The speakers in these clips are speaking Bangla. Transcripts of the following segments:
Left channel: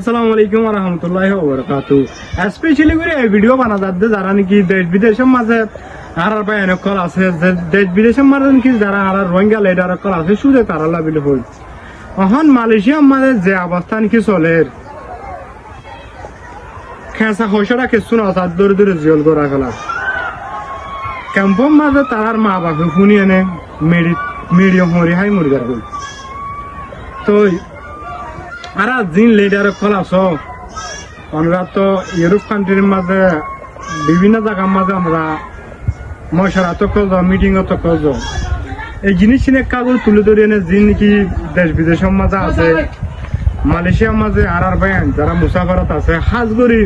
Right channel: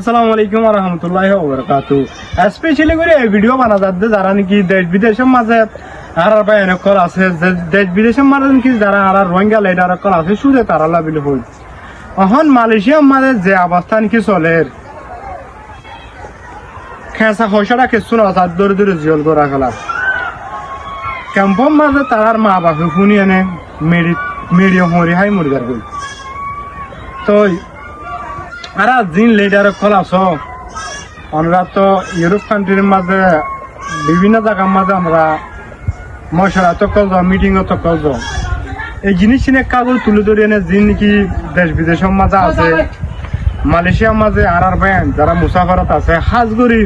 আসসালামু আলাইকুম ওয়া রাহমাতুল্লাহি ওয়া বারাকাতুহু। স্পেশালি করে এই ভিডিও বানা যাচ্ছে যারা নাকি দেশ বিদেশের মাঝে আর বায়ানকল আছে, দেশ বিদেশের মাঝে নাকি যারা আর রোহিঙ্গা লিডারকল আছে সুরে তারা লাবিল হই। এখন মালয়েশিয়ার মাঝে যে অবস্থা নাকি চলে খেঁচা খসড়া কিছু না তার দূরে দূরে জিয়ল করা গেলার ক্যাম্পর মাঝে তার মা বাপে শুনি এনে মেডিয়াম হরি হাই মুরগার গই। তো আর জিন লিডার কল আছো আমরা তো ইউরোপ কান্ট্রির মাঝে বিভিন্ন জায়গার মাঝে আমরা মশলা তো কল যাও, মিটিং তো কল যাও, এই জিনিস কাগজ তুলে ধরে এনে জিন নাকি দেশ বিদেশের মাঝে আছে মালয়েশিয়ার মাঝে আর বাইন যারা মুসাফারত আছে হাজ করি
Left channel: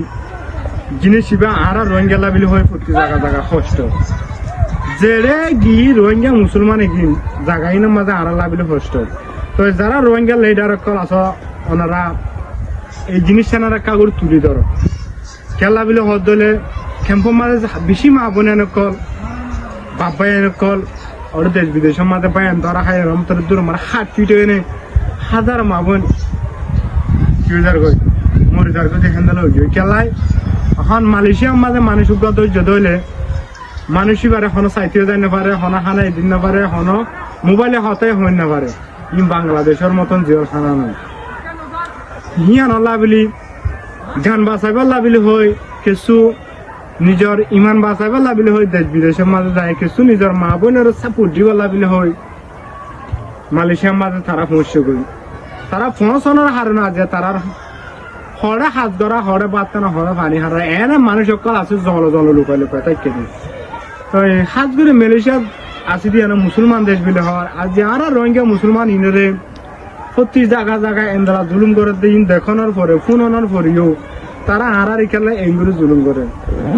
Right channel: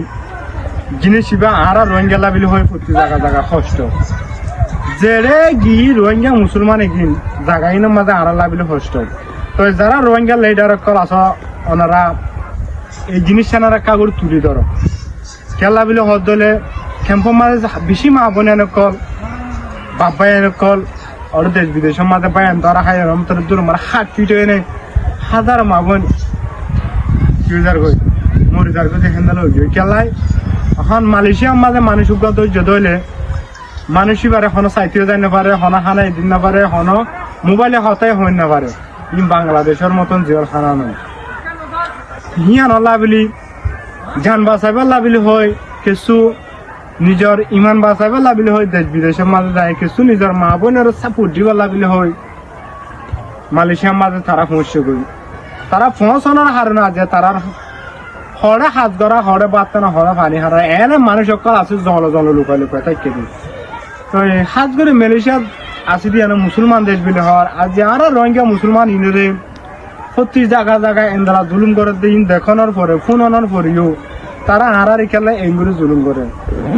জিনিস আর রোহিঙ্গা লাবিল হয় প্রতি জায়গা জায়গা কষ্ট জেরে গি রোহিঙ্গা মুসলমানে গিন জায়গাইনের মাঝে আর লাবিল কষ্ট। তো যারা রোহিঙ্গা লিডার কল আছো ওনারা এই জিনিসটা এনারা কাগজ তুলে ধরো খেলা বিলে হদ দলে ক্যাম্পর মাঝে বেশি মা বোন কল বাবা কল আর দেশ বিদেশের মাঝে বায়ান ধরা খাই দূর মানে হাত পিটে এনে হাজার মা বোন কিউজার গই মরিজার গই দেখেন খেলায়। এখন মালয়েশিয়ার মাঝে মানুষ ধৈর্য ধরলে মানুষ এবার এখনো চাইতেও যাই না পারে, হনা হালাই দিন না পারে, হন মোবাইলে হতাই হই না পারে। ই বাংলাদেশের মতন জিওর খানা নয় হিয়ান লাবিলি জান বাঁচাইবার লাবিলি হয় কিছু নিজের ইমান বাঁচাইবার লাবিলি হয় দেশ বিদেশের মাঝে যায় কিছু নিজের মা বোনের সাপোর্ট দিবার লাবিলি হয়। মালয়েশিয়ার মাঝে তারা পৌঁছে গই তারা পৌঁছানোর হারে না যে তারা হরে হাত গড়া হরে বাড়তে না হরে পানি হারা এনে মানুষ সকল আছে জল জল লুকাই লুকাই তাই কেদি। তো হাত করে মালয়েশিয়া আসি দিয়ে মুসলমান দেশ বিলে হওয়ার আর যে আর রোহিঙ্গা মুসলমান ইনরে প্রতি জায়গা জায়গায় এন্দারা জুলুম করে দিন দেখানোর পরে ফোন আনার পরেও তারা আর খেলে এঙ্গুরি জুলুম করে।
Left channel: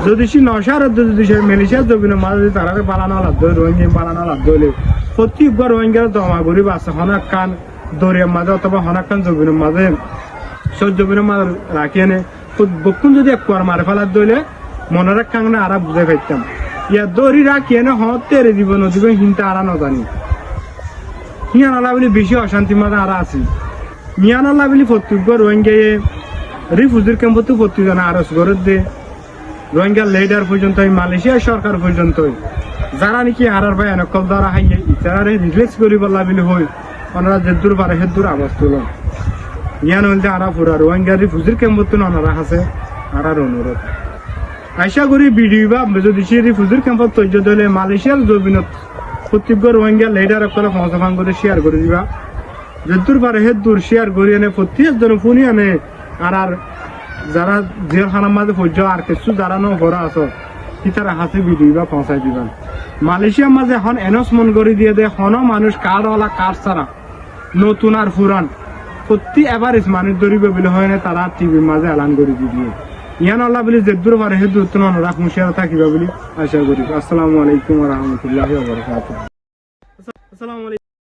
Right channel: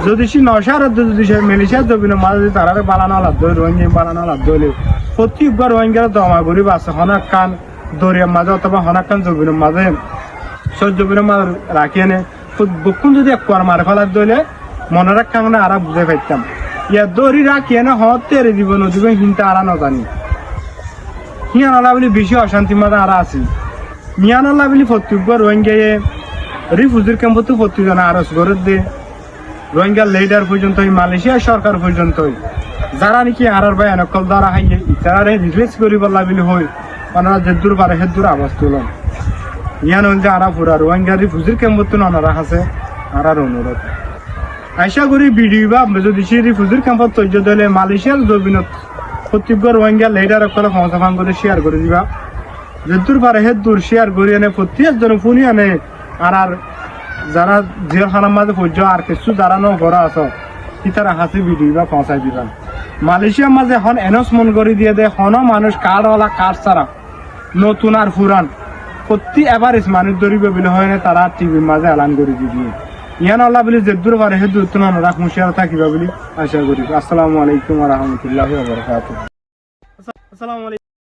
যদি সে নশার যদি সে মালয়েশিয়ার জমিনের মাঝে যদি তারা বানানো লাভ ধরে রোহিঙ্গা বানানো লাভ ধরে প্রত্যেকবার রোহিঙ্গার জমা করি আছে হনাক কান দরিয়ার মাঝে অথবা হনাক কান জমিনের মাঝে জমিনের মাঝে রাখি এনে বকুল যদি এক কুয়ার মারে ফেলার দইলে মনে রাখা আর বুঝে ফেলতাম ইয়া দড়ি রাখি এনে হতের দিব নদীবে হিনতে আর নজানি মিয়ান বলে বেশি অশান্তির মাঝে আর আছে। মিয়ান বলে প্রত্যেকবার রোহিঙ্গা রিফিউজির ক্যাম্পতে প্রত্যেকজন আরজ করে দে রোহিঙ্গা লিডার পর্যন্ত মালয়েশিয়া সরকার পর্যন্ত যারা নাকি আর ভাই এনকল দ্বারা হাইয়ে যারা রিলিজ করিবার লাবিল হয় ওনারা যে দূর পারে সে দূর আবাস তুলন ইয়ান হইতে আরা পুরা রোহিঙ্গা রিফিউজির ক্যাম্পতে ওনারা আছে আর অনুরোধ আশা করি ভিডিও বা যদি সে রিফিউজির ক্যাম্পত তৈরি দিলে মালয়েশিয়ার জমিনত প্রত্যেকবার রোহিঙ্গা লিডার করে সংস্থান করে শেয়ার করে দিবা যদূর পারে হে দূর শেয়ার করি আনে প্রত্যেকজন ফোনে আনে আর যারা জেলখানার মাঝে পর্য আর কিছু যারা ন করা আছো তারা হাসি ভিডিও বা পৌঁছাই দিবা। মালয়েশিয়ার মাঝে এখন এনাউন্সমেন্ট করে দিয়ে দেয় হন মানুষ কার্ডওয়ালা কার্ড ছাড়া নতুন আর পুরান প্রতি এভারেজ মানুষ ধরিবে বলে হয় না তারা টিভির মাঝে এলান করে দিয়ে ইয়ান আল্লাহ বলি যে দূর পারে হে দূর তুমি রাখ মুশিয়ার থাকিবা বলি আশা করি। আসসালামু আলাইকুম ওয়া রাহমাতুল্লাহি ওয়া বারাকাতুহু। আসসালামু আলাইকুম।